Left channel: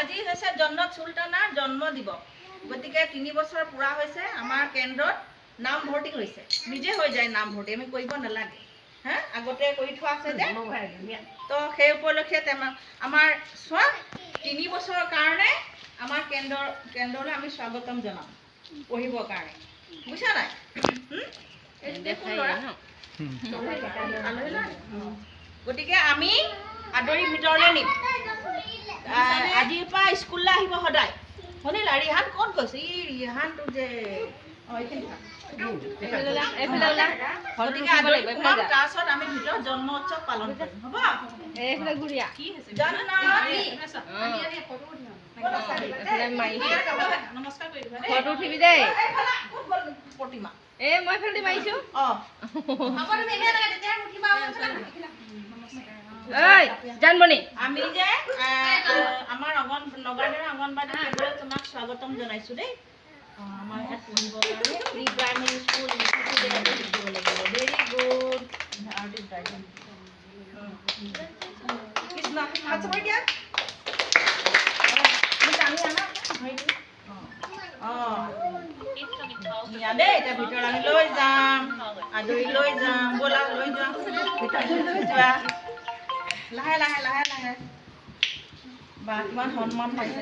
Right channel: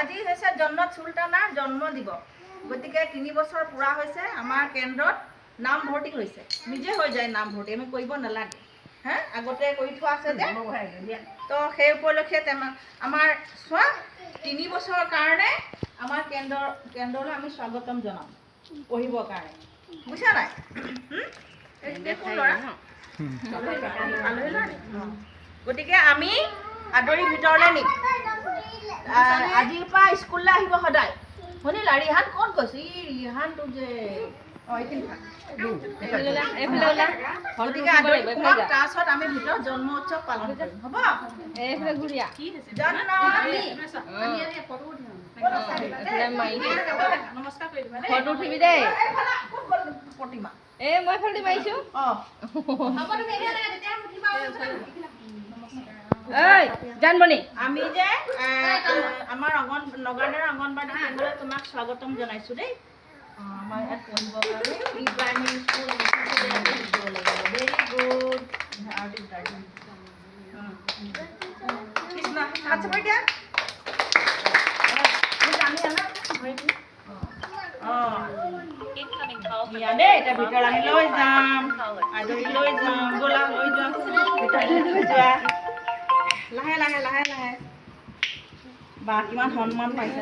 আজি হৈছে জন্নত চুলতানাৰ জন্ম দিৱস গতিকে 3 বছৰ পুৰা হৈছে আমাৰ কেন্দ্ৰত নাম ভৰ্তি হৈছে নিজে হৈ যায় নাম ভৰ্তি আমি কৰিব নালাগে হা আগতে কৰি থোৱা আছে যে তো সেই উপলক্ষে আমাৰ 3 বছৰৰ কাৰণে আমাৰ কেন্দ্ৰলৈ আমি স্বাগতম জনাম পঢ়িবৰ কাৰণে বুঝা নাই গতিকে আমি আদৰি ভিতৰলৈ নিম আজিৰ পৰা স্কুললৈ আহিব সদায় শুনিলা ৰিহান কোন কৈছে ৰিহানটো যে তাৰপিছত আমি ভিতৰত জন্ম উৎসৱ পালন কৰিম হ'ব নমস্কাৰ কৰি দিবা ফটো উঠিবি দেই প্ৰতিমা মই ফেলদি মাৰিছো জানমণি আমি যে আমাৰ নগাঁৱৰ অংগনবাড়ী কেন্দ্ৰত তোমাক স্বাগতম জনাইছো দেই আমাৰ ইয়াত পঢ়িবৰ কাৰণে প্ৰি প্ৰাইমেৰী স্কুল শিকিব লাগিব ভেৰি গুড কৃষ্ণ হাত চাপৰি দিয়া দেই এতিয়া ভিতৰত আমি লৈ যাম আদৰি লৈ যাম ব'লা লৈ যাম ভিতৰত লৈ যোৱা লাহে লাহে লাহে লাহে বা কিমান সন্মান পাইছে